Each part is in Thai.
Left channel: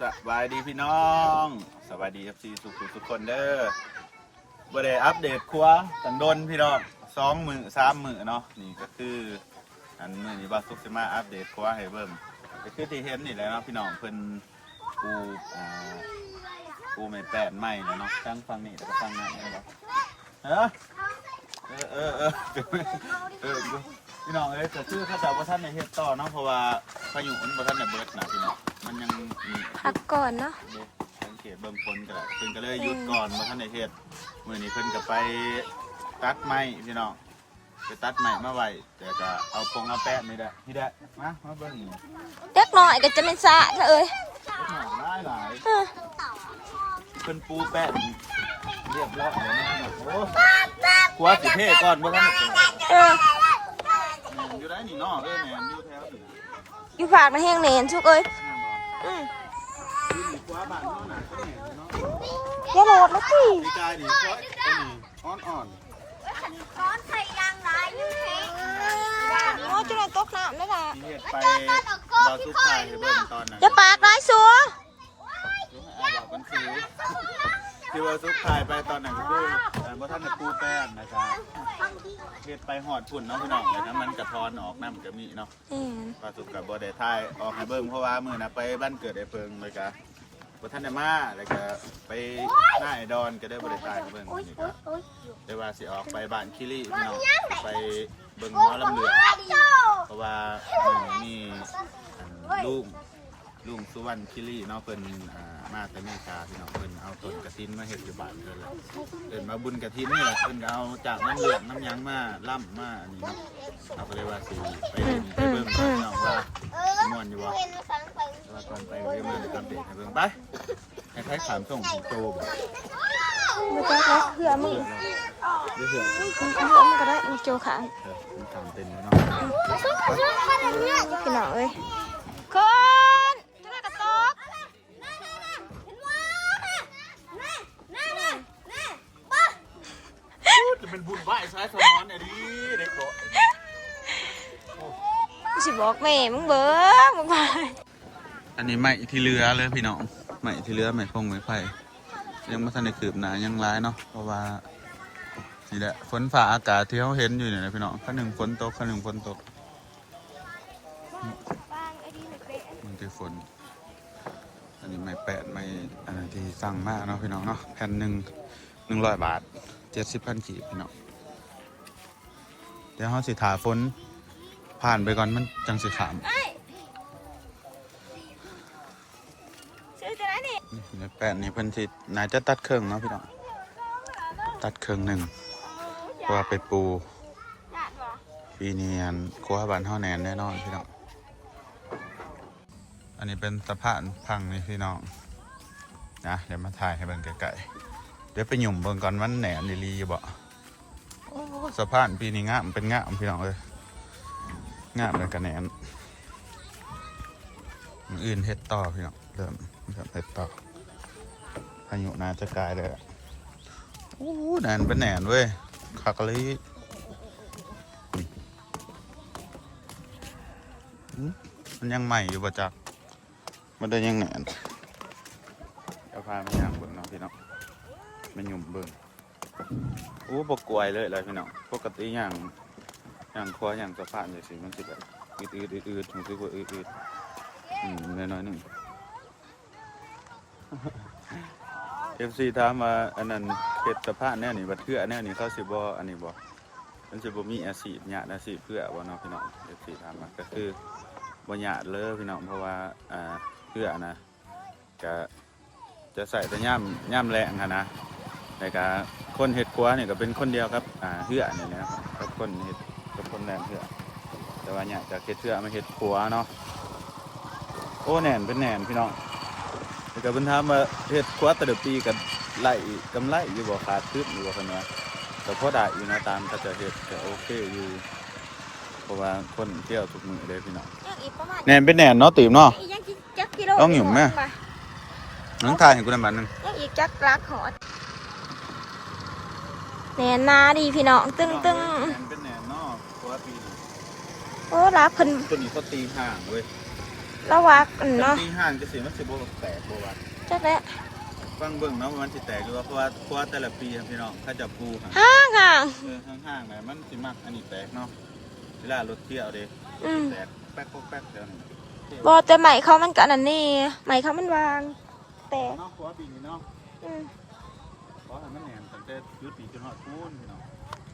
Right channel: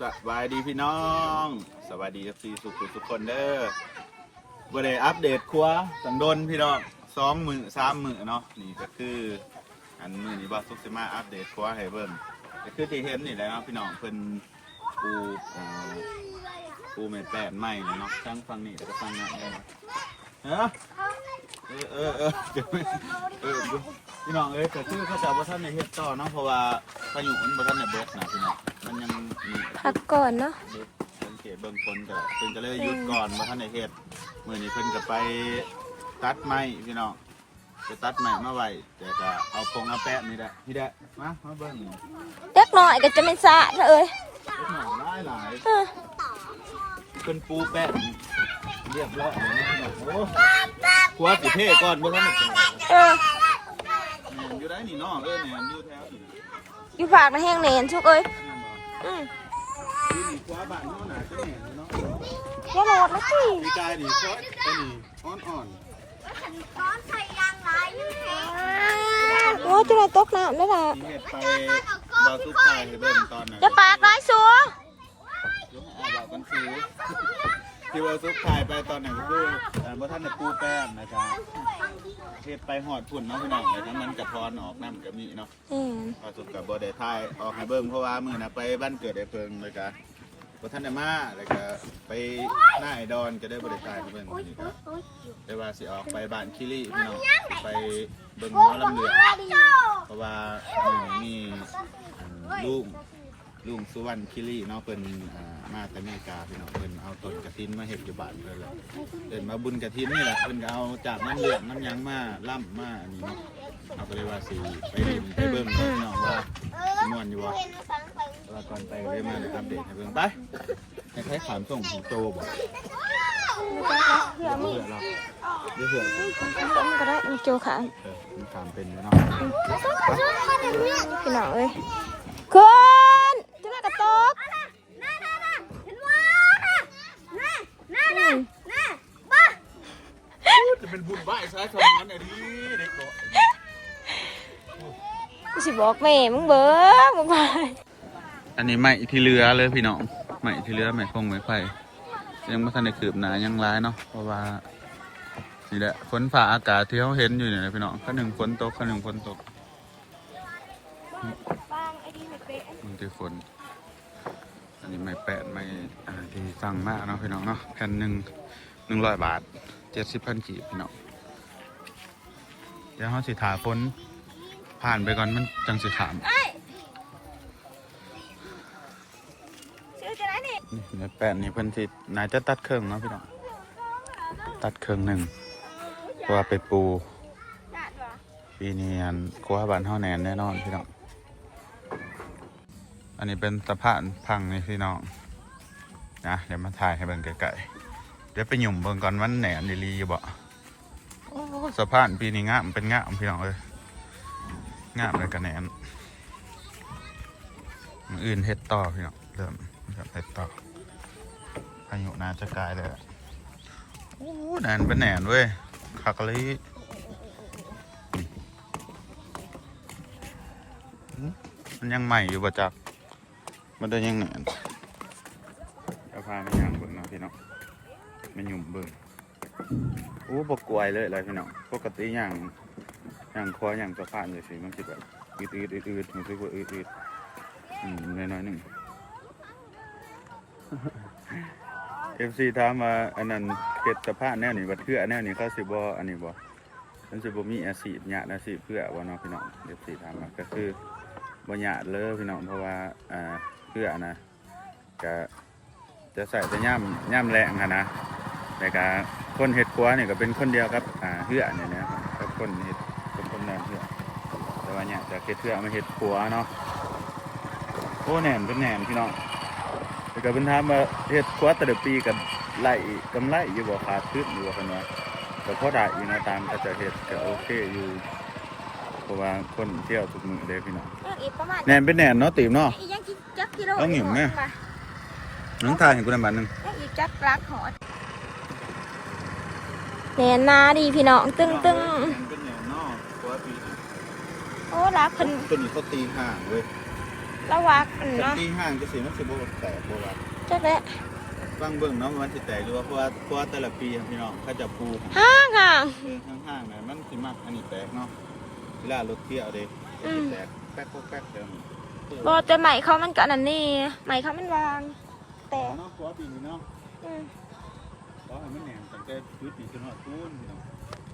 สบายดีพี่น้อง สวัสดีครับซีสุขุทุกคนเด้อบ่ได้อัปเดตครัวตังดนพี่น้องสองมือสามมือเนาะนี่ก็คืออันมือนี้ว่าสุกสิมาอัปเดตครัวให้เบิ่งก็คือที่เห็นนี่แหละเนาะพี่น้องเพิ่นปูอ่าปูเม็ดแปดไม้เนาะทั้งฟังนี่แล้วก็ฟังนั่นได้เนาะฮะเออเออเออเออ พี่น้องเอ้ยแต่คือเขาจะว่าท่านในเฮ็ดต่อเนาะเพราะว่าพายุมันบ่ทันได้เบิดนะพี่น้องมันยังมีพักก่อนเนาะเด็กสังเกตเบิ่งคนก็เพิ่นก็เลยหยุดก่อนมาท่านในเฮ็ดมื้อนี้เพิ่นก็ไปตัดไม้พี่น้องไปตัดไม้มาไว้แต่ก็เอาพงเอาแปะนี่แหละพี่แดะมามาเบิ่งนี่เล็กหน่อยก็จะไม่สะเถอะเอ้ยเล็กหน่อยหลายหลายเออเพิ่นปูแปะเรียบแล้วเดี๋ยวนี้พี่น้องโอ้ครัวสิเท่ก่อนบ่ทันได้เปิดเออ แหนมอยู่ได้นี่เนาะเออแหนมอยู่แถวนี่นะอยู่ฝากนะแห้งเนนชุกเอ้ยแหนมบ่อืมอยู่นี่ครัวบ้านเฮาน่ะจะแหนมอยู่เนาะอย่าโหลดนะสิพี่กายนี่ครัวไอ้นี่อ่อนโอ้จุดไหนตกน้ำได้ละๆที่เฮ็ดไปบ่าวสุขายให้เบิ่งตอนนั้นจะปากร้ายสัว เดี๋ยวมาอ่านบอกกันคือ ที่ว่าซุปขายไปตอนไหนก็คือแต่ว่าท่านจะปูแป้งนะครับเฮ็ดไปหอดพุ่นเนาะพี่น้องเลยนะมันจะพรออกน้ำจะมีเนาะ อืมปลาสุกกับบอดทายออกให้เบิ่งเพราะว่ามือนะไปบ้านเกิดไอ้เพิงเลยกะบ่ท่านได้มาเลยก็ไปหน้าไอ้ดอนก็ได้บริทายให้เบิ่งนี่ก็ได้ว่าสิออกไปบ้านคิริพี่น้องสิไปเบิ่งหม้อลำเลือเพราะว่ามือนี้มีลุง ลุงสุวรรณคิรีเนาะเพิ่นอ่ามาแต่อเมริกาพี่น้องเพิ่นเอาต้นกระถินมาเฮ็ดอยู่บ้านเพิ่นแหละเดินมาบุญกระถินนี่แหละเพิ่นก็เอาจากน้ำเหลืองน้ำหยังมาล่ำมาอันนี้เนาะเอาก็เลยว่าสิไปเล่นไปเบิ่งพี่น้องว่าสิม่วนอยู่บ่แต่ว่าก่อนไปก็เลยมาเดี๋ยวอัปเดตให้เบิ่งไปให้ใครถามส่งถึงโตบ่ไม่จักแล้วเพื่อมึงเสือเราเดี๋ยวเสือเอามันก็ได้มันโจขาเออมันถามเป็นเลยเนาะไปพี่น้องเอ้ยขึ้นจุดไหนกระตก จะเป็นบุญบ้ายซ้ายสมอนเนี่ยดิเด็กโตกูสิบอกแม่มึงเบิ้งมึงไปอันนี้ไม้ที่เรือเลยพี่น้องไม้ที่เรือไม้พงไม้ไผ่ยังไม่ทันได้คืบหนายังร้ายเนาะเพราะว่านี่แหละฝนฝ่าอากาศที่เขาเห็นอยู่เนี่ยนะพี่น้องข้าหนึ่งฝนตกข้าหนึ่งฝนตกมันคือฝน อันนี้ไม้แปดไม้อ่าที่สั่งมากเนาะพี่น้องเนาะแผ่นหนึ่งหนึ่งร้อยบาท เจ็ดสิบพันกีบพี่น้องเดี๋ยวเขาสิถาฝนผ่านไปก่อนมันจังสิถามชื่อจะไหนนี่นี่เนื้อแป้นนี่เพิ่นสินายจะตัดเครื่องเนาะพี่น้องตัดเครื่องหนึ่งเพราะว่าไปปูปีนี้อันครัวบ้านเฮาแน่นแน่นอนพี่น้องอันนี้เป็นสะพานพังนี่พี่น้องนะเดี๋ยวมาถ่ายให้เบิ่งไกลๆ เดี๋ยวไปหยุ่มเบิ่งก่อนวันแหนนดีรีอยู่บ่โอ้สะพานปีนี้งามเป็นงามพี่น้องเอ้ยงามเลยกันแหนอื่นเฮ็ดต่อพี่น้องเริ่มนะครับเฮ็ดต่อพายุน่าจะกลายเลยอะโอ้แหนเป็นแหนนเว้ยคักเลยมมันยังใหม่อยู่ประจักมันได้ยังแหนนเดี๋ยวพามาย่างบิ่งเนาะพี่น้อง มันหยุ่มเบิ่งโอ้บกกวยเลยเลยพี่น้องปกติอย่างอย่างคออย่างสะพานเลยสิมันสิแบบอืดอืดอืดอืดมันสิว่าอืดอืดอืมน้อยๆหนึ่งเอฟซีถามมาอันนั้นเขตสะพานแนวนี้บัดเพื่อแนวนี้เขาสิบ่อันนี้บ่มันสิบ่มีอาชีพหยาดอาชีพเพื่อบ่เนาะพี่น้องเอฟซีถามมาก็คือบ่หยาดเลยพี่น้องเพราะว่าอ่าเพื่อนะจะจะใส่แต่ย่ำย่ำแรงค่ะนะ แต่ก็คนเฮ็ดครัวนี่ก็เป็นคนเดียวครับอ่าเพื่อเนี่ยนะครับกับคนเฮ็ดกับคนแม่นเพื่อแต่ว่าเนี่ยจะเฮ็ดเพื่อมาเฮ็ดครัวเนาะโอ้แหน่นเป็นแหน่นพี่น้องแต่ก็เพิ่นถามว่าเฮ็ดครัวแต่ละปีก็ไล่กำไรอยู่บ่ขาดทุนอยู่บ่เพิ่นว่าก็พอได้อยู่เนาะตามเขาจะเฮ็ดก็โอเคอยู่เพราะว่าคนเที่ยวทุกมื้อเด้พี่น้องอีกประมาณแน่นเป็นแน่นเนาะตีมเนาะอีกยังกี่จักกิโลต้องหยุ่มแม่นังทายให้กูได้บาทหนึงยังอีกจักรักหัว แหนนนาดีพี่น้องตึ้งตึ้งแน่นเป็นแน่นเนาะครัวปีโอ้รักเพิ่นตัวนี้เขาตีห่างเว้ยระวักอันแต่เนาะปีห้างจะสิมันสิบ่แตกบ่ว่าจักแหละฟังเบิ่งเนาะว่ามันสิแตกหรือว่าเพราะว่าเพราะว่าแต่ละปีครับพี่น้องเขาจะปลูกห้างห่างเออห้างๆน่ะมันสิมักอันนี้แตกเนาะเวลารถเที่ยวเด้อืมแตกแป๊กแป๊กแถวนี้บอแต่ใหม่เขามันก็อันนั้นนี่ใหม่เขามันวางแต่เนาะเพราะว่าปีนี้เนาะ อืมเพราะให้มันแหนมตั้งแต่ยุดปีจนฮอดปูนพี่น้อง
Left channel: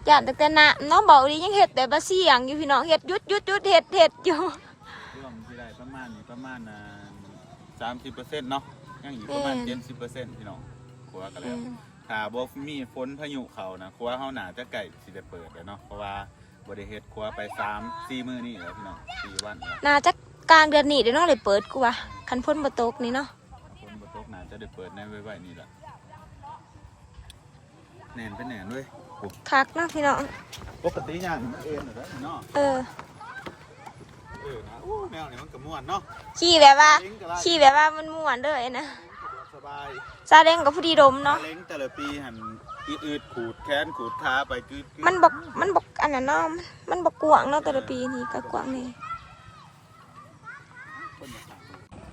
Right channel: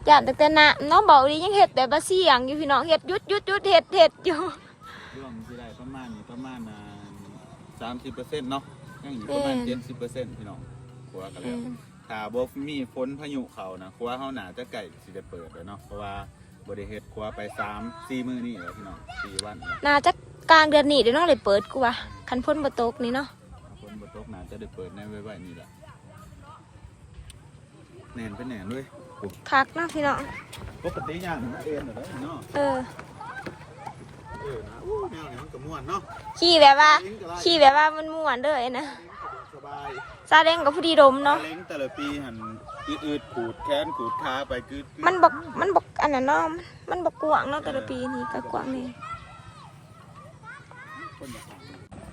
ย่านแต่แต่นะน้องบอกดียังเห็ดแต่บะเสียงอยู่พี่น้องเห็ดหยุดหยุดหยุดเห็ดเห็ดอยู่รวมสิได้ประมาณนี้ประมาณอ่า30%เนาะยังอยู่ประมาณอืม70%พี่น้องกลัวกันอืแล้วมถ้าบ่มีฝนพายุเขานะครัวเฮาน่าจะใกล้สิได้เปิดแล้วเนาะเพราะว่าบ่ได้เฮ็ดครัวไป3 4มื้อนี้แล้วพี่น้อง4วันแล้วน่าจะกลางเดือนนี้เดี๋ยวน้องเลยเปิดกูว่ะคันพ้นบตกนี่เนาะฝนบ่ตกน่าจะได้เปิดในไว้ๆนี่แหละ แน่นไปแน่นเว้ยโอ้คักเนาะพี่น้องปกติอย่างนี้เองเหรอเนาะเออเออนะอู้แนวนี้มันก็ม่วนเนาะขี่แบบว่าเล้งก็ได้ขี่แบบว่ามันม่วนเด้อนะสบายซาเล้งกับผู้ดีดมเนาะเล้งแต่ละปีหันอืดๆขูดแขนขูดขาไปกึดๆมันบอกมันบอกอันนั้นเนาะมันบอกกวางเนาะแต่ละปีนี่ก็กวางนี่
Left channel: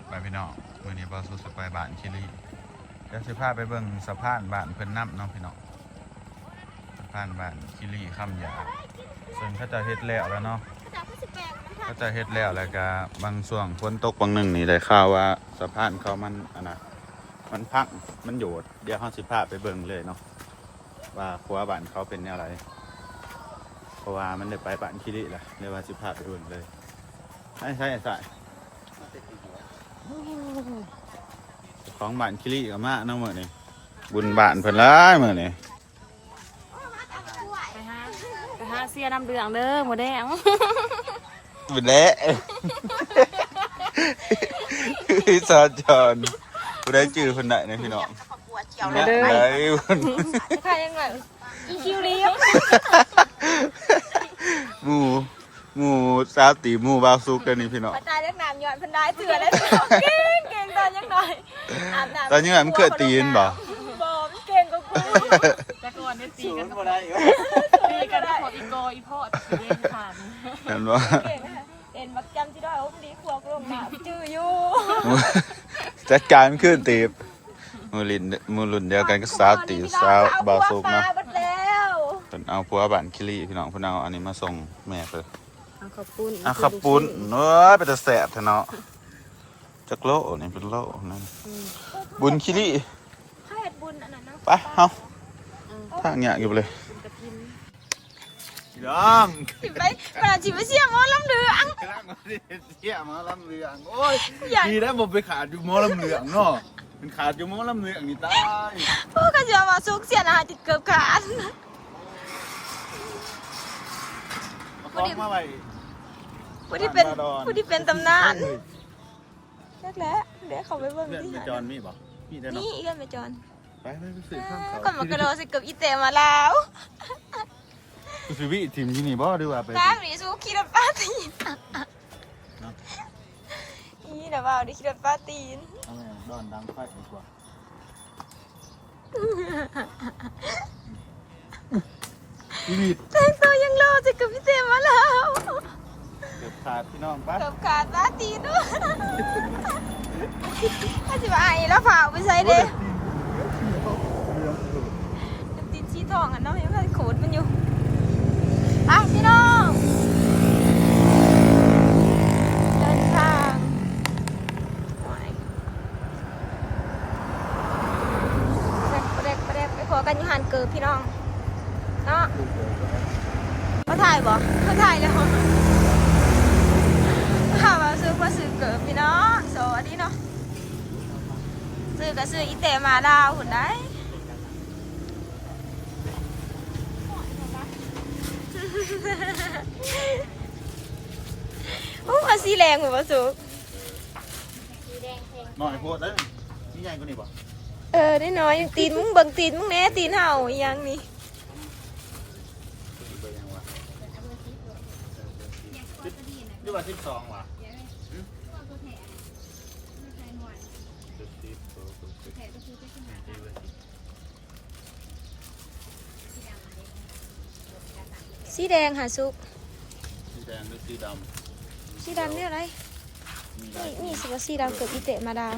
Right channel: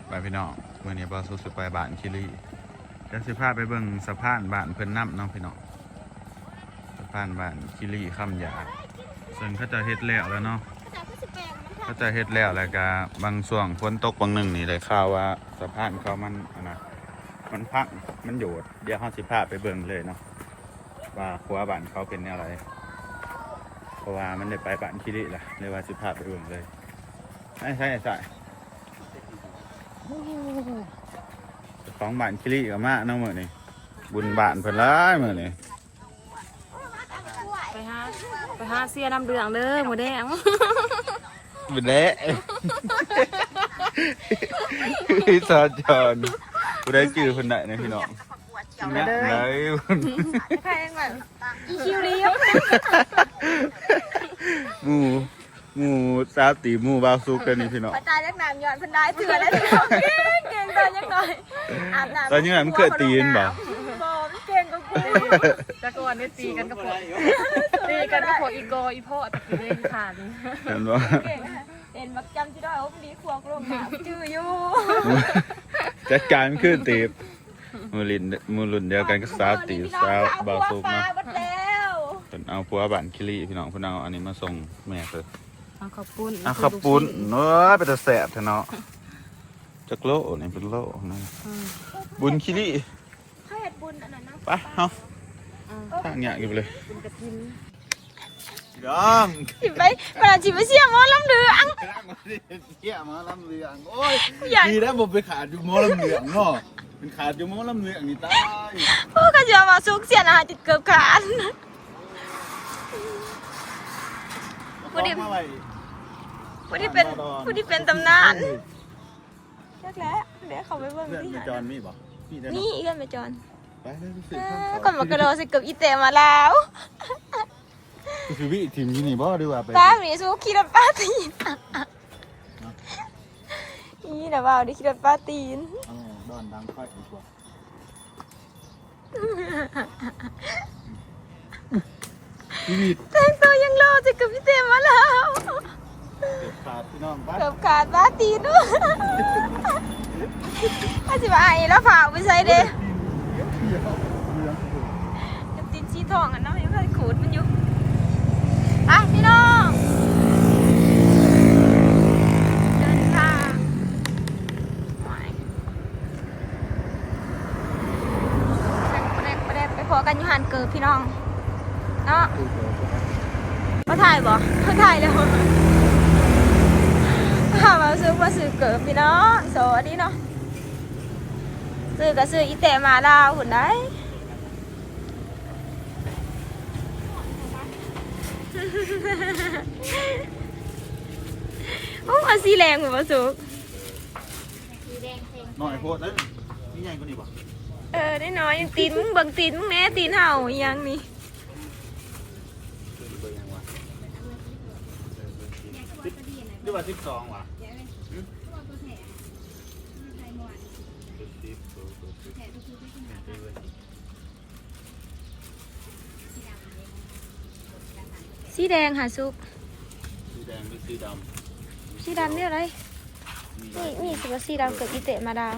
ไปพี่น้องมื่อนี้บอสุสุไปบ้านคิรีเดี๋ยวสิพาไปเบิ่งสะพานบ้านเพิ่นน้ำเนาะพี่น้องสะ พานบ้านคิรีคำหยาซึ่งเขาจะเฮ็ดแล้วแล้วเนาะเขาจะเฮ็ดแล้วแล้วก็บางช่วงฝนตกบางหนึ่งนี่ได้ข่าวว่าสะพานเขามันอันนะมันพังมันโยดเดี๋ยวเขาสิพาไปเบิ่งเลยเนาะว่าครัวบ้านเขาเป็นแนวไรเพราะว่ามันได้ไปบ้านคิรีล่ะเลยว่าสิพาไปเบิ่งเลยใช่ใช่ใช่เจ้าของบ้านคิริกับมาเนาะมื้อนี้บุญบ้านเพิ่นหลายมื้อนี้ ไปหาไปหาเสียน้ำเดืองเด้อหมูแดงบุญแล้สาจอนบ่ได้จื้อเพิ่นได้นะพี่น้องเนี่ยไหนเพิ่นใครยังไงอีคิวเรียหมู่หมู่สาวตีหมู่บ่าวสุกเด้อนี่พี่น้องกระจายเล็กน้ำย้อนเพันได้เถื่อเลยเก่งเก่งกันยังไงอาบน้ำตอนนี้มันเคยตีนบ่บอกเก่งก็กูแต่ก่อ นี้ตีกันกับพวกตีกันกับพวกอีโกอีพ่อตะกี้เล่นผ่านเห็นบ่เก่งเห็นบักจำที่ได้โอ้ดีครัวกูหมาจื้ออยู่จัดการมันตีบมู่ลินมู่รุ่นเดียวกันกับสาวตีสาวบ่าวสุกเนาะเพิ่นเอาผัวบ้านคิริพี่น้องเพิ่นเอาอันนี้มาส่งแม่เพิ่นเอาขอบคุณอะขับปุ้นเนื้อเป็นแต่แสบเถอะเนาะจักโลนี่เป็นโลนะบุญคิริให้บุญอันนั้นไปเฮา ทางเนี้ยอยู่เลยยองสิไปปราจิไปเสียหมอลำเหลืองเที่ยมาลำเลืองโอ้ยอยากดีแล้วผมไปขาดอยู่หมอลำเลืองเนาะเป็นขาดอยู่หมอลำเลืองนี่ตายพวกก็จะมาซุกเสียนะจิตเกือบขาดเอาของมาไว้ผู้ที่เป็นบ้านบาดอนผู้ที่เป็นตำนานแรกแล้วเดี๋ยวเขาไปเบิ่งเพื่อนนี่ไปจอนมีบ่มีแต่เนาะนี่เลื่อนไปจอน ไปไปไปซื้อข้าวเขาคนมากระโดดสิเกือบอีเตมาแล้วไปซื้อวิทีมที่นี่บ่ดีกว่าไปตามหนีสู้ขี่รถป้าตีนนี่แต่ว่าดิขี่รถป้าตีนเอาแม่ดอนดังไฟดีกว่าชีวิตแต่งตัวยังรอสิเกือบอีเตมาแล้วเด็ดขาดพี่น้องไปเกือบขาดป้าตีนด้วยถ้าสิว่าไอ้แล้วผ่าไปใช้เด้ตีนชี้ ทองอะน้องยังเคยขูดมันอยู่อะพี่น้องเดินทางเดินประเด็นประเด็นไปพอกันยู่หันเกิดพี่น้องเนาะมาถ่ายบ่มาถ่ายแล้วหามาซื้อมาซื้อเกิดพี่น้องสวัสดีเนาะซื้อก็ซื้ออีเตมาลาวหุ่นได้ โอ้มาสีแรงเหมือนมาสุกหน่อยโพดนะนี่ใหญ่กว่านี้ป่ะเออได้น้อยตีนมึงเบิ่งตีนมึงแน่ตีนเห่าอีหยังนี่เบอร์ยังวะนี่ว่าสิบสองว่ะสี แดงหาสุก สีแดงหรือสีดสีดำเนี่ยอะไรำนี่นี่สิว่าสีดำเกิดอีเตะมาดาว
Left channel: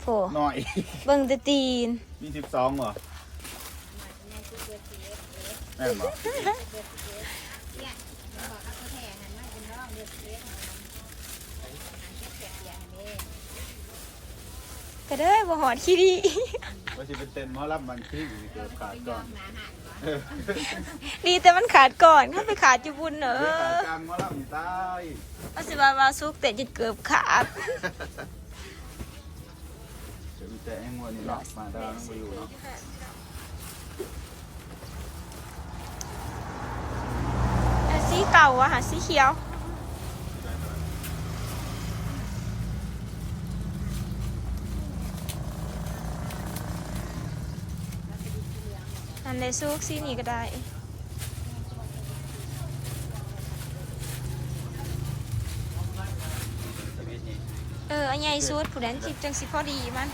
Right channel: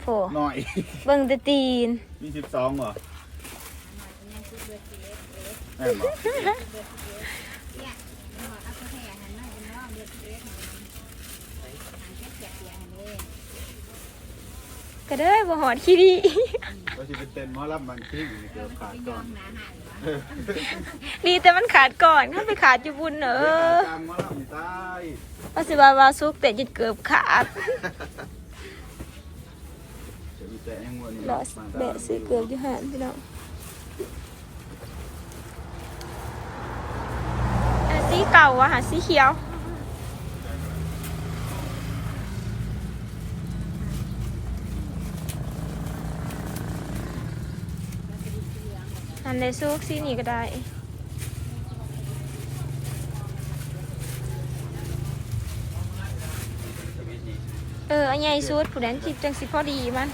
โผหน่อย เบิ่งแต่ตีน มีสิบสองเหรอแม่นบอกก็เด้อบ่หอดขี้ดี ว่าจะเป็นเต้นหมอลำบันทึกเกี่ยวขาดก่อนดีแต่มันขาดก่อนเข้าไปขาดอยู่บุญเนอเออกลางหมอลำใต้ว่าสิว่าว่าซุกแต่จะเกือบขาดจะมีแต่ยังวันนี้รอแดดสิเกือบอยู่หันพี่น้องอันสีเก่าอะค่ะสีเขียว อันเลยซุกสีนี้ก็ได้เอออันใหญ่สุดผู้นั้นจิตจังสิพอดีมัน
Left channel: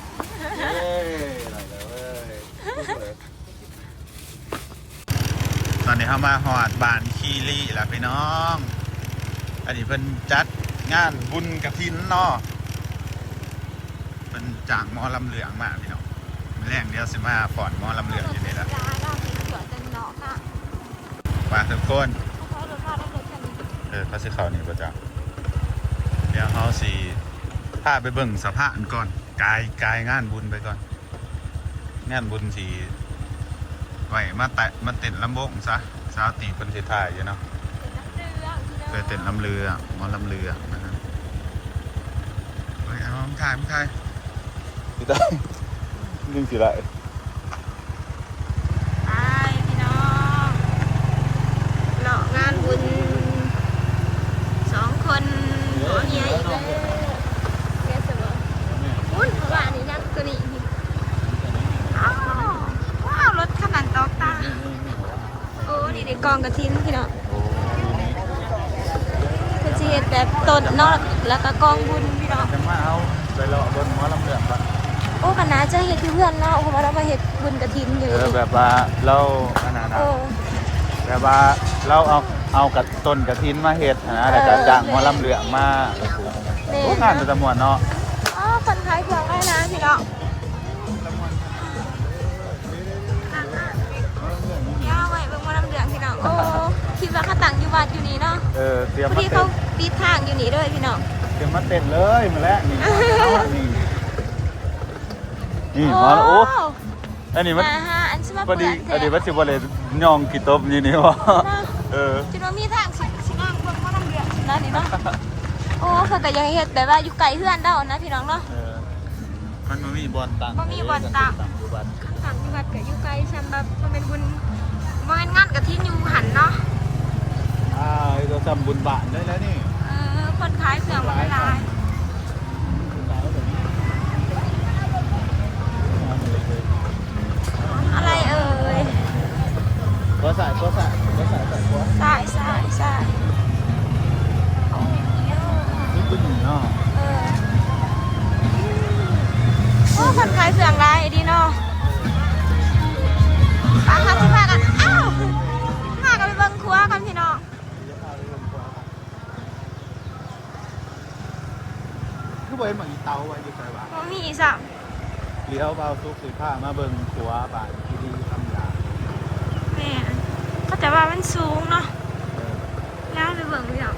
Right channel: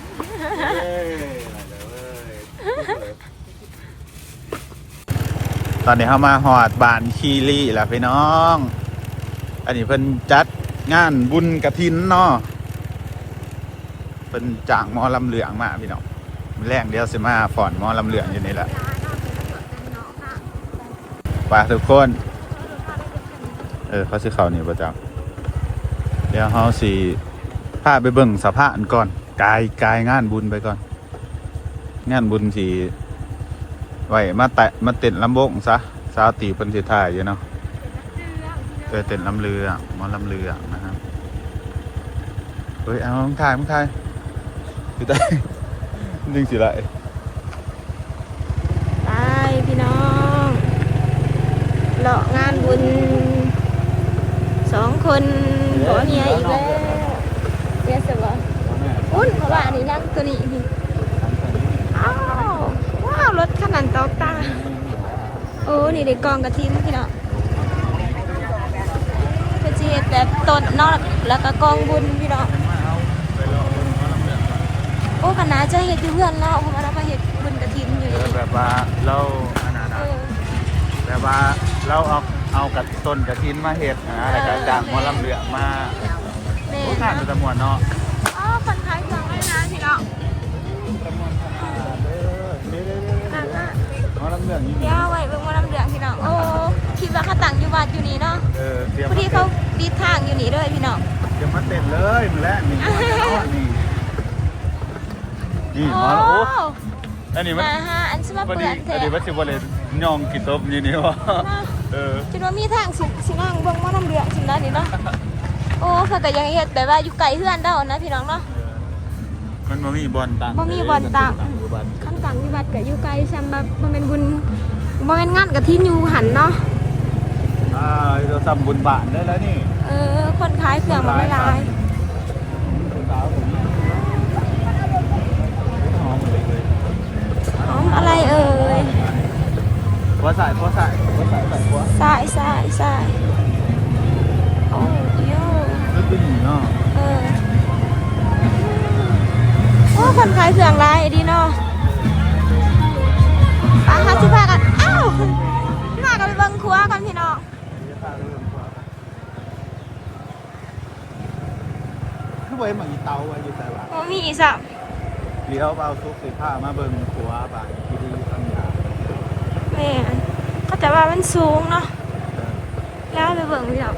ตอนนี้เข้ามาหอดบานคีรีแล้วพี่น้อง อันนี้เป็นจัดงานบุญกระถินเนาะเป็นจ่างมอลำเหลืองมาพี่น้องแรงเดียวสิมาฝอนมอลำเหลืองอยู่นี่แหละ ไปทุกคน เออเขาซื้อเขาวนี่ประจำเดี๋ยวเขาสีพาไปเบิ่งสภาพอันก่อนกายกายงานบุญไปก่อน งานบุญสีไว้มาแตะมาเต้นลำบกซะสาตีเพิ่นสิถ่ายอยู่เนาะเออเต้นลำเรือมอลำเรือนะฮะเฮ้ยเอามึงถ่ายมึงถ่ายลิงสิไรไปพี่น้องเลาะงานบุญสอง คนขอเนี่ยอีกแล้วเรียกสุดแล้วอุ้ยว่าอันนี้นักกว่านี้อีกอ้าวว้าวรถขนาดตอกตาโอ้นี่ได้กองกระทินพี่น้องก็จะเห็นแบบต้นนอกแล้วก็กองบุญพี่น้องโอ้คณะจะเห็ดอยู่เพื่อนแล้วเพราะว่าเรามาเห็ดบุญกระทินอยู่เออนี่แบบว่าเราอันนั้นเอนะอแบบว่าเราเอา เอากับต้นกระถินมาเห็ดนะแล้วก็จ้างหมอลำเหลืองมาเน่ทุกงานนะเป็นจำนวนเนาะอ๋อคนขายเครื่องได้แล้วพี่น้องจำนวนขนาดเด้อเด้อเด้อเด้อเด้อหมอลำเหลืองนี่ย่าไว้เบิ่งมาลำเดืองพี่น้องโอ้คิดว่าเขาตั้งอยู่วัดอยู่นี่เนาะเออเตรียมพอดีเขาปีทางอยู่นี่เลยพี่น้องเตรียมมาเต้นเลยมาแล้วนี่นี่นี่โอ้มาโอ้อันนี้มันมาฮะอันชิมาพอเปิดีดแถพอดีวว่าสิบวันเลยย่องกี่ตบนี่นี่วะ เออคิดว่ามีทางสิสินั่งเบิ่งมาลำเดืองสินะนี่เนาะโอ้เพิ่นก็ยังเฮ็ดแต่ว่าอยู่ไกลเพื่อนเด้านะพี่น้องเนาะมันบ่มีบอลตังบ่มีบ่อนตั้งคำสั่งวิบัติก็อยู่ไกลช่างบักบ่แม่นบุญบ่แม่นงานกับที่อยู่หันเนาะอ่าเราทำบุญบาทได้แล้วนี่เออคนขายเครื่องมันไม่ลายสาวผมหอมอะไรเอ่ย หัวใส่หัวใส่หัวใส่หัวสายสายสายโอ้โยนึกเป็นหญิงเนาะเออโอ้คนขายเครื่องลายดีเนาะปาค่ะที่พากัน อ้าวพากันไปเบิ่งครัวกันพี่น้องคือไว้หมังอีเตาไว้อยู่ใส่หลังบ่มีอีสักเลี้ยวเบาทุกสิผ้ามาเบิ่งขัวบานที่ดีทำยาแม่นเขา แต่ว่ามันสูงเนาะแล้วไปเบิ่งพี่น้อง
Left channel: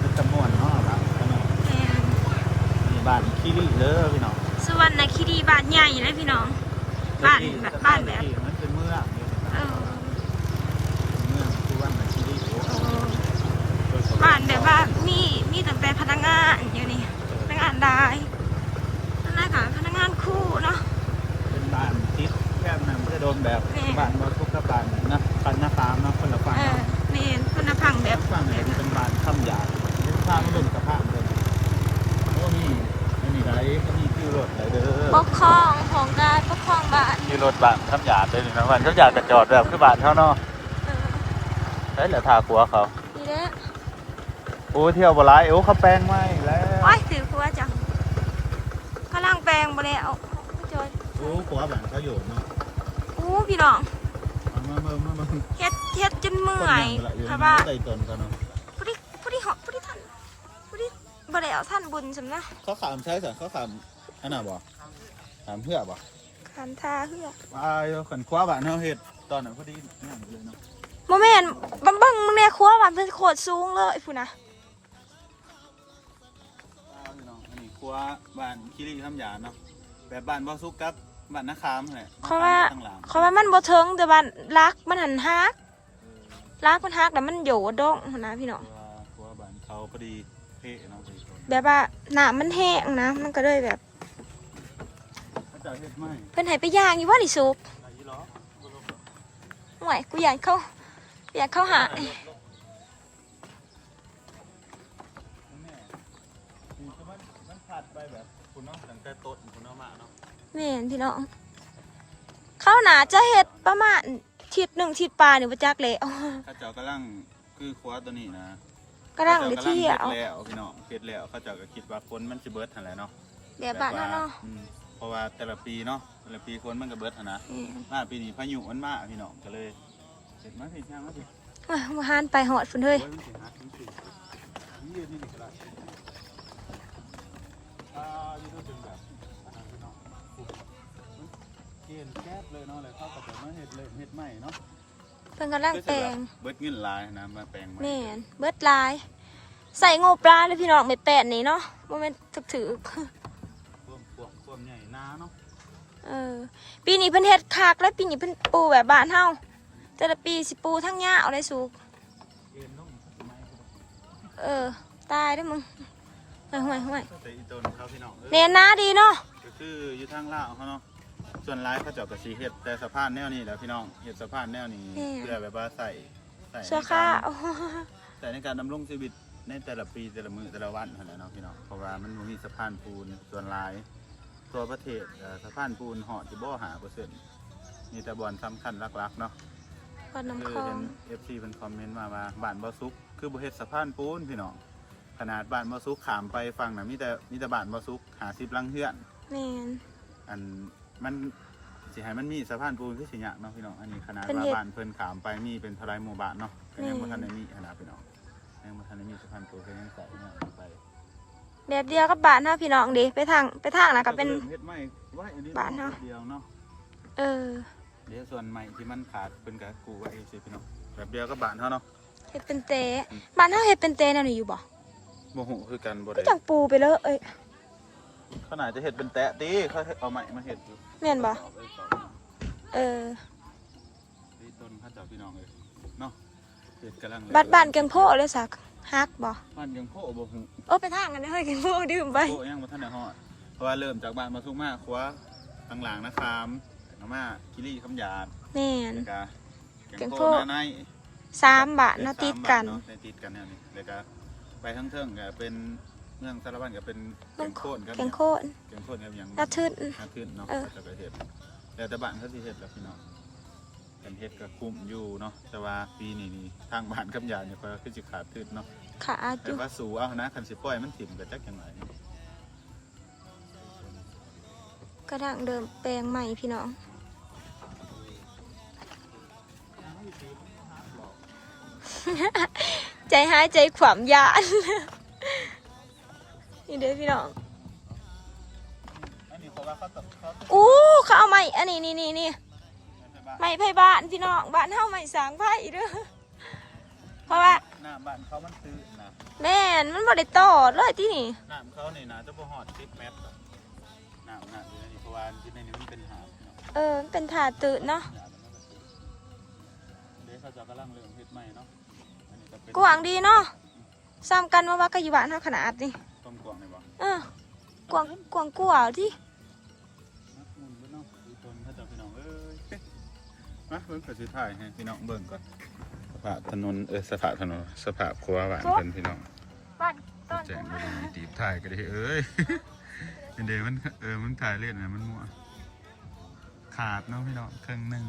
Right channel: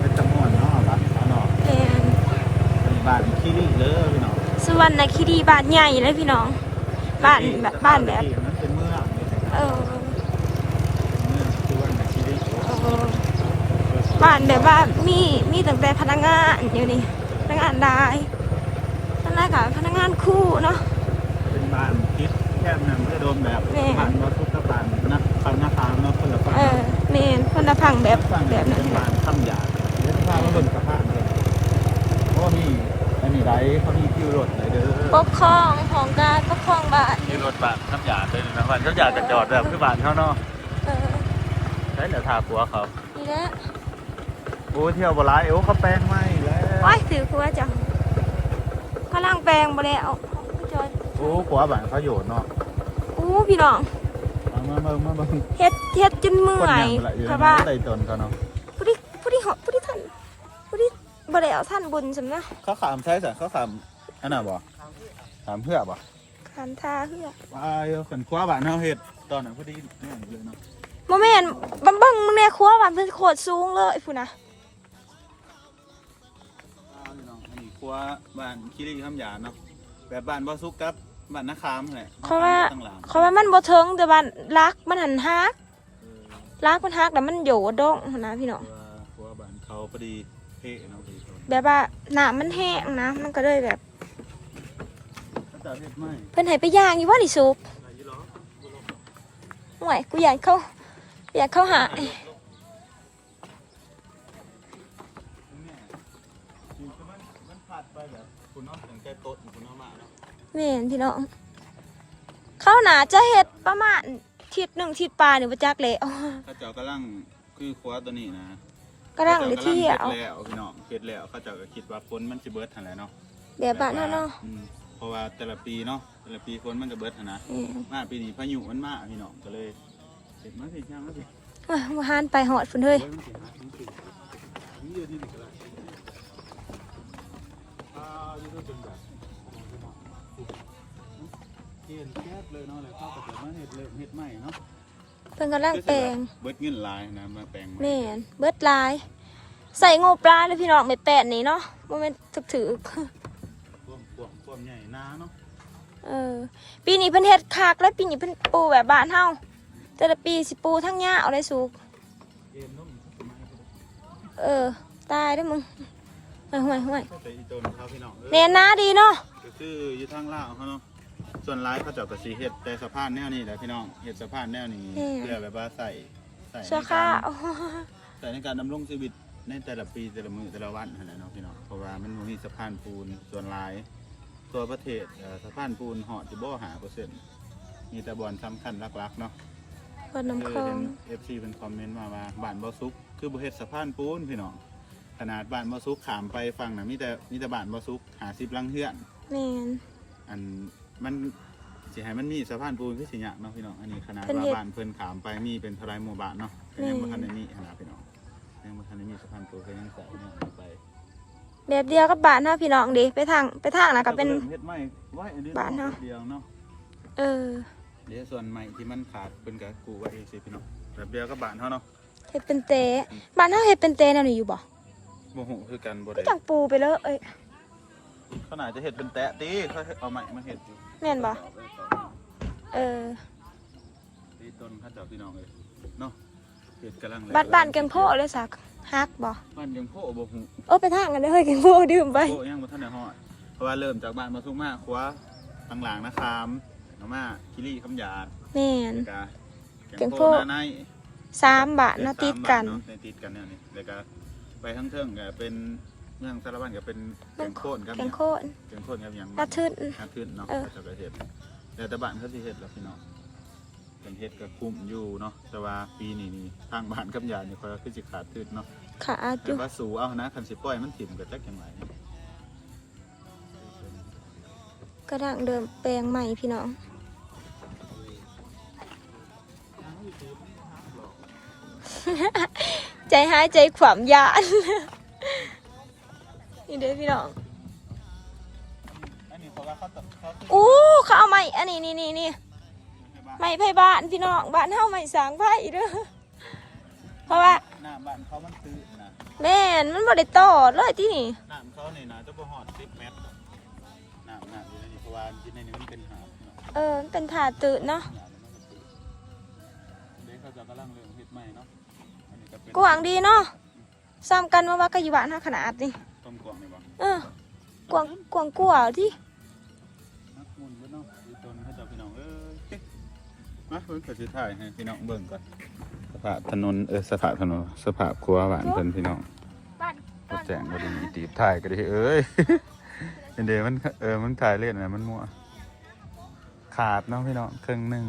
เป็นจำนวนเนาะบ้านข้างนอกแม่นมีบ้านขี้ริเลยพี่น้องสวรรณคีรีบ้านใหญ่เลยพี่น้อง บ้านแบบบ้านแบบมันเป็นเมืองเลยเออเมืองคือว่าขี้ริโอ้เออบ้านแบบว่ามีมีแต่เป็นพนักงานอยู่นี่พนักงานได้พนักงานพนักงานคู่เนาะเป็นบ้าน คิดแค่นั้นจะโดนแบบแม่บ้านมาทุกกับบ้านนะปันนาคามเนาะคนละฝั่งเออนี่คนละพังแบบฝั่งแบบเป็นั้นนบ้านคำหยาดเดี๋ยวพามาเบิ่งสภาพเลยเพราะว่ามีอันนี้ไรเขามีคิวรถอะไรเด้อปกครองของการปกครองบ้านมีรถบัสคำหยาดเลยนะมันคำหยาดกระจอดแบบคือบ้านเขาเนาะเออได้เหลือทากัวเขานี่แหละโอ้เที่ยวบ่ไรโอ้เขาแปลงไม่แล้ว โอ้ยถือครัวจังกำลังแปลงบ่แล้วจ อยโอ้กัวบ้านเขาอยู่เนาะอู้พี่น้องฟังมาเบิ่งมาเบิ่งเฮ็ดเฮ็ดจนเมื่อยคนยังละอยู่เพราะว่าใต้ต้นก็เนาะผู้ที่ผู้ที่เหาะผู้ที่ท่านผู้ที่บ่ได้เอาท่านบุญสำนะเขาขามใช่จ้ะเขาขามอันน่ะบ่ขามเพื่อบ่คันทาเฮือว่าเอาขันคว้าบ้านเฮาเฮ็ดตอนนั้นพอดีเนี่ยเลยเนาะบ่แม่นบังบังมึงแน่ครัวว่าเป็นโคตรสูงเลยพุ่นน่ะเอาพี่น้องอันนี้ครัวบ้านคิริคำหยาเนาะแบบบ้านบ่ซุกกับ บ้านนาคามนั่นแหละเพราะว่าตั้งหลังเพราะว่ามันบ่เทิงแต่ว่ารักมันหันฮักรักมันฮักแล้วมันโยดองหั่นนะพี่น้องเพราะว่าครัวบ้านเขาพอดีเท่เนาะพอดีคนแบบว่าน้ำมันแห้งนะ มันก็เลยแบบเขาจะเฮ็ดไหมเพิ่นให้ไปย่างอยู่ว่าดิซุปไปยี่ล้อบ่ลงหรอกห่วยกูอยากเข้าอยากเข้าหาแม่อยู่ก็มันมันผัดไปแบบคุณเนาะตั้งแต่ต้นคุณเนาะมาเนาะแม่ นพี่น้องเข้าหนาจะเฮ็ดประมาณทิศหนึ่งทิศปลายนี่บ่จักเลยอ๋อถ้าเจ้ากำลังคือครัวตัวนี้นะกำลังไปเที่ยวเฮ็ดแล้วพี่น้องเฮ็ดแล้วเขาเจ้าก็คิดว่าฝนมันสิเบิดหั่นแหละเนาะแบบบ้านเฮาเนาะอืมเพราะว่าแต่ละปีเนาะแต่ละปีฝนมันก็เบิดหั่นนะอืมมาปีนี้พายุมันมาพี่น้องก็เลยเสร็จมาสิช่างมาสิอะบ่หานไปหอดพุ่นเฮ้ยโอ้ยมันสิหาถึงสินี่เดือนนี้นี่ก็ได้อ่าอยู่ด้วยเป็นแบบอันนั้นพี่น้อง เกณฑ์แก๊บเลยเนาะเลยเข้ากับมาเฮ็ดเริ่มเฮ็ดใหม่เนาะเพิ่นกำลังแปลงเบิดเงินหลายนะมาแปลงใหม่แม่นเบิดหลาย ใส่งูปลาเลยพี่น้องไม่แปดนี่เนาะบ่แม่นถึกถือควมควมควมใหญ่นาเนาะเออปีนี้เพิ่นเฮ็ดคักแล้วปีนี้เพิ่นปูแบบบ้านเฮาแต่ละปีสิปูทั้งหญ้าเอาได้สุกเกมนุ่มสมัยก็ได้เออ ตายเด้อมึงห่วยห่วยห่วยแต่อีโจนเขาพี่น้องเอ้ยแม่นนาดีเนาะก็คืออยู่ทางลาวเขาเนาะ ส่วนร้ายเขาเจาะกระสีเห็ดแต่สะพานแนวนี้แหละพี่น้องเห็ดสะพานแนวนี้เพื่อแบบว่าใส่ใส่ในเสื้อผ้าการโอ้โหใส่ในการดำรงชีวิตในแต่ละปีแต่ละมือแต่ละวันนั่นแหละเนาะพี่น้องเพราะว่ามันบ่มีสะพานปูนส่วนร้าย ตัวประเทศเอ่อสะพานปูนเหาะจะบ่หาเปอร์เซ็นต์มีแต่บอลสำคัญหลักๆเนาะคนน้ำคือคลอเห็งนเอฟซีเป็นคอมเมนต์มาว่าบ้านบ่ซุก คือบ่เฮ็ดสะพานปูนพี่น้องขนาดบ้านบ่ซุกขามไปฝั่งน่ะมีแต่มีแต่บ้านบ่ซุกหาสิบลังเฮือน แม่นอัน มันสิให้มันมีสะพานปูนคือสิยากเนาะพี่น้อง อันนี้ขนาดเพิ่นว่าเฮ็ด บ้านเพิ่นขามไปมีเป็นทลายหมู่บ้านเนาะก็ยังแม่บ่ทันได้มีขนาดพี่น้องยังบ่ทันได้มีสะพานปูนก็ยังใส่เนี่ยไปแบบเดียวกับบ้านเฮาพี่น้องเดิไปทางไปทางน่ะก็เป็น เฮ็ดไม้ไว้อันนี้บ้านเนาะ เดียวเนาะ เออเดี๋ยวส่วนใหม่ที่มันขาดเพิ่นก็กูไว้เองสิพี่น้องแบบเดียวกับบ้านเฮาเนาะเฮ็ดเป็นเตะบ้านเฮาเฮ็ดเป็นเตะแนวนี้อยู่บ่บ่ฮู้คือกันบ่ก็ได้จังปูไปเลยเอ้ยขนาดจะเฮ็ดเป็นแตะติเขาเอาไม้มาเฮ็ด แม่นบ่เออตีต้นเขาเจ้าพี่น้องเอ้ยเนาะเฮ็ดกำลังบ้านบ้านแกงโพเลยสักฮักบ่บ้านยังโพบ่ฮู้โอ้ไปทางกันเด้อเฮ้ยแกงโพดื่มไปโพยังบ่ทันได้ฮอดเพราะว่าเริ่มจากบ้านมาสุกมาครัวทางหลังนะครับแล้วมาคิรีคำหยาดแม่น แล้วก็แกงโพ หน้าใน สามบาทเนาะติดกัน สามบ้าเาะในติดกันเนี่ยนี่แล้วก็ไปทั้งเทิงก็เป็น เมืองสารวัตรก็เป็นแกงโคนครับแกงโคตรแกงโคนครับอย่างน่าทึ่นน่าทึ่นเนาะเออจะไปเฮ็ดแล้วแต่บ้านเขาสิเฮ็ดแล้วพี่น้องกันเฮ็ดก็คุ้มอยู่เนาะแต่ว่าปีนี้นี่ทางบ้านกับยายเนี่ยเขาคือสิขาดทึ่นเนาะขาอแต่ยู่ว่าสูเอานะคันสิปล่อยมันถิ่มก็จักจังไรกระดังเดิมแปลงใหม่พี่น้องใจหายใจขวามยาน นี่เด้อพี่น้องอันนี้เพราะว่าเขาตเขาอู้เขาเอาใหม่อันนี้นี่นี่นี่ใหม่ไผ่บ้านพี่น้องบ้านเฮาใหม่สร้างไผ่เด้อเพราะว่าหน้าบ้านเขามันตื้นนะแม่นมันบ่ได้ต่อเลยที่นี่น้ำเขานี่นะจะบ่หอด10เมตรน้ำน้ำอยู่ในนี้เพราะว่าอยู่ในนี้มันเป็นหาดเนาะเออมันเป็นถาดตื่นเนาะหาดแล้วมันก็ตื้นเดี๋ยวเขาจะกำลังเริ่มเฮ็ดใหม่เนาะอันนี้ก็เป็นกว้างดีเนาะซ้ำกันมาว่าก็อยู่บ้านเฮาขนาดนี้ ต้มกวางนี่บ่เออกว้างกว้างกว่าที่มักมุนเบิ่เนาะดูต้นเขาเจะพี่น้องเอ้ยมาเบิ่งก็สิถ่ายให้พี่น้องเบิ่งก่อนสภาพถนนเออสภาพถนนสภาพครัวบ้านเพิ่นพี่น้องบ้านรถแจ้งก็ได้มีตีบถ่ายก็ได้เอ้ยเดี๋ยวมันเออมันถ่ายเล่นนะมันมั่วขาดเนาะพี่น้องครึ่งหนึ่ง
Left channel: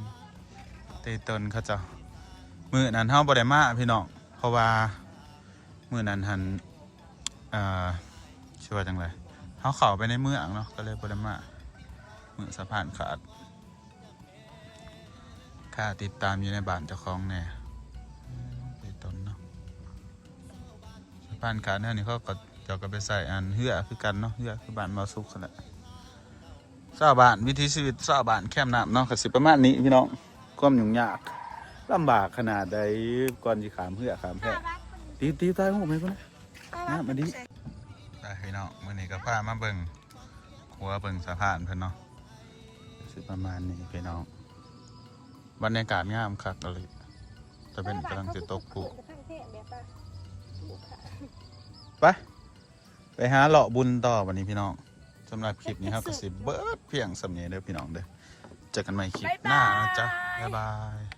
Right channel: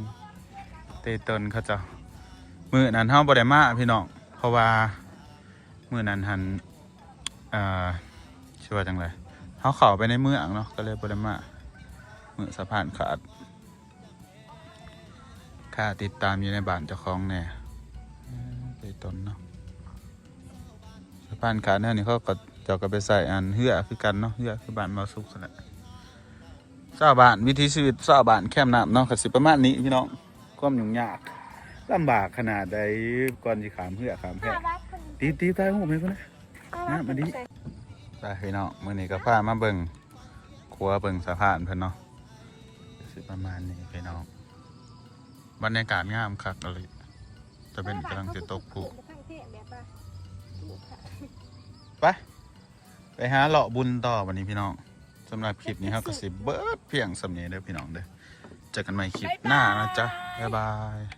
เตยตนเขาเจะมือนั้นเฮาบ่ได้มาพี่น้องเพราะว่ามือนั้นหันเอ่อ ชื่อว่าจังไรเฮาเข้าไปในเมืองเนาะก็เลยบ่ได้มามือสะพานขาดขค่าติดตามอยู่ในบ้านเจ้าของแน่อืมไปต้นเนาะสะพานขาดแน่นี่เขาก็เจ้าก็ไปใส่อันเหือคือกันเนาะเหือคือบ้านมาสุกขนาดชาวบ้านวิถีชีวิตชาวบ้านแคมป์น้ำเนาะก็สิประมาณนี้พี่น้องความยุ่งยากลำบากขนาดใดก่อนสิขามเหือขามแพะตีตีตายหูไหมคนนะนะมาดิ ไปพี่น้องมื้อนี้ก็พามาเบิ่งครัวเบิ่งสะพานเพิ่นเนาะสิประมาณนี้พี่น้องบรรยากาศงามคักเลยจะเป็นกำลังจะตกผุไปไปหาเลาะบุญต่อวันนี้พี่น้องสำหรับคลิปนี้ครับก็สิเบิร์ดเพียงสำเนียงเด้อพี่น้องเด้อเจอกันใหม่คลิปหน้านะจ๊ะบ๊ายบาย